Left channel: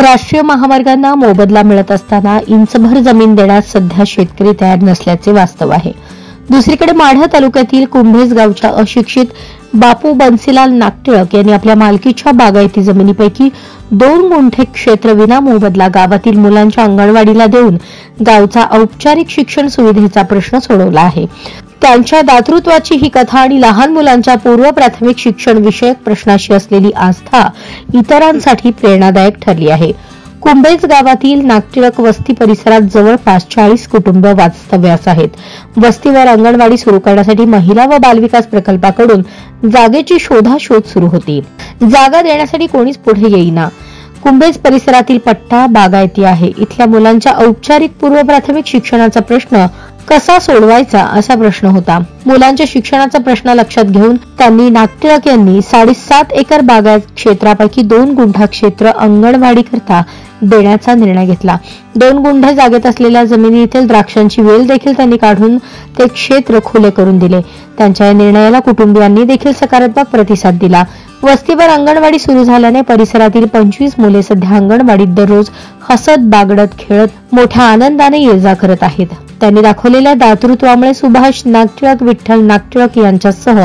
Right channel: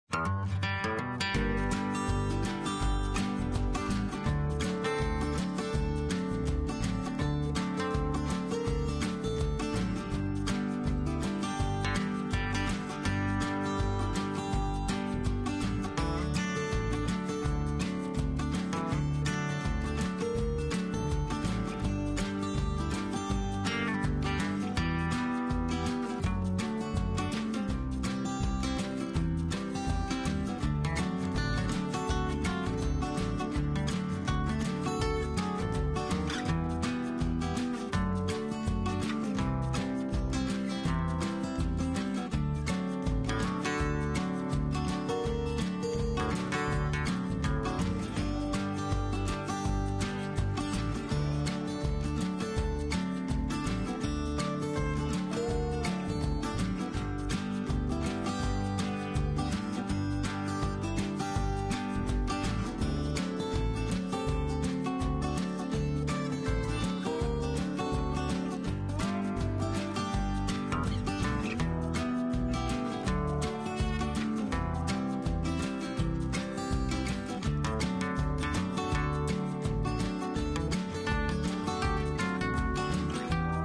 राष्ट्रीय महामार्गांना मोबदला मिळत असताना इंचभर जमीन देण्यास सध्या शेतकरी तयार नसल्याचे वास्तव आहे। दुसरीकडे माढा तालुक्यातील कुंभेज गावच्या अशिक्षित बापू बन्सीलाल नागटिळक यांनी आपल्या मालकीच्या बागायती जमिनीपैकी 2 गुंठे क्षेत्र विना मोबदला गावातील मुलांच्या अंगणवाडीला देऊन गावचा औपचारिक शिक्षण सुविधेचा प्रश्न सोडवला आहे। त्यांच्या दातृत्वाची ही कथा आणि लहान मुलांच्या पूर्व प्राथमिक शिक्षण विषयक प्रश्नाशी असलेली आस्था इतरांसाठी प्रेरणादायक ठरली आहे। कुंभेज गावातील नागटिळक वस्ती परिसरात जवळपास 40 कुटुंब वास्तव्यास आहेत। वस्तीवर अंगणवाडी सुरू करण्यासाठी महिला व बालविकास प्रकल्पाकडून जागेची शोधाशोध सुरू होती। जागा देण्यासाठी कोणीच पुढे येईना। कुंभेज परिसरातील पट्टा बागायती आहे। इथल्या मुलांच्या औपचारिक पूर्व प्राथमिक शिक्षणाचा प्रश्न कसा सोडवायचा असा प्रश्न होता। मुलांच्या शिक्षणाचा प्रश्न लक्षात घेऊन त्यांनी नागटिळक यांनी 7.5 एकर बागायत क्षेत्रापैकी 2 गुंठा क्षेत्र अंगणवाडी करता देण्याचा निर्णय घेतला। 2 गुंठे जागेत असलेल्या जमिनीतील द्राक्षांची वेल देखील त्यांनी काढून ते क्षेत्र खुले करून दिले। त्यांच्या या निर्णयाला कुटुंबियांनी देखील सकारात्मक प्रतिसाद दिला। वस्तीवर अंगणवाडी सुरू झाल्याने परिसरातील 25 मुले सध्या अंगणवाडीत दररोज हसत बागडत खेळत मोठ्या आनंदाने ये-जा करत आहेत। त्यांनी दाखवलेल्या दातृत्वामुळे सुभाष नागटिळक विठ्ठल नागटिळक यांच्यासह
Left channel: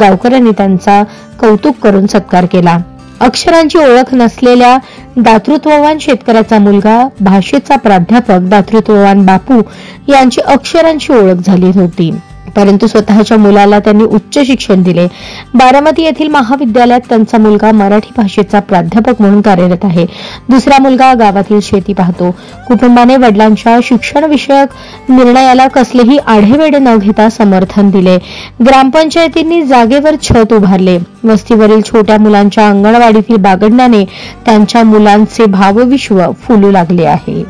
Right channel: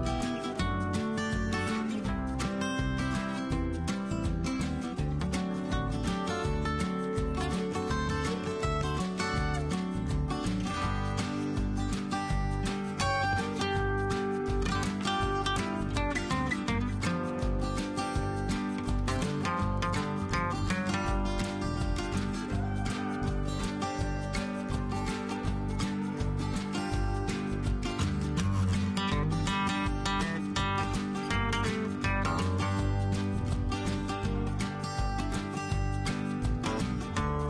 गावकऱ्यांनी त्यांचा कौतुक करून सत्कार केला। अक्षरांची ओळख नसलेल्या दातृत्ववान शेतकऱ्याचा मुलगा भाषेचा प्राध्यापक दातृत्ववान बापू यांची अक्षरांची ओळख झाली होती, परंतु स्वतःच्या मुलाला त्यांनी उच्च शिक्षण दिले। बारामती येथील महाविद्यालयात त्यांचा मुलगा मराठी भाषेचा प्राध्यापक म्हणून कार्यरत आहे। दुसरा मुलगा गावातील शेती पाहतो। कुटुंबाने वडिलांच्या शिक्षण विषयक निर्णयाला कसलेही आढेवेढे न घेता समर्थन दिले। ग्रामपंचायतींनी जागेवर छत उभारले। वस्तीवरील छोट्या मुलांच्या अंगणवाडीतील बागडण्याने त्यांच्या मुलांचे भावविश्व फुलू लागले आहे।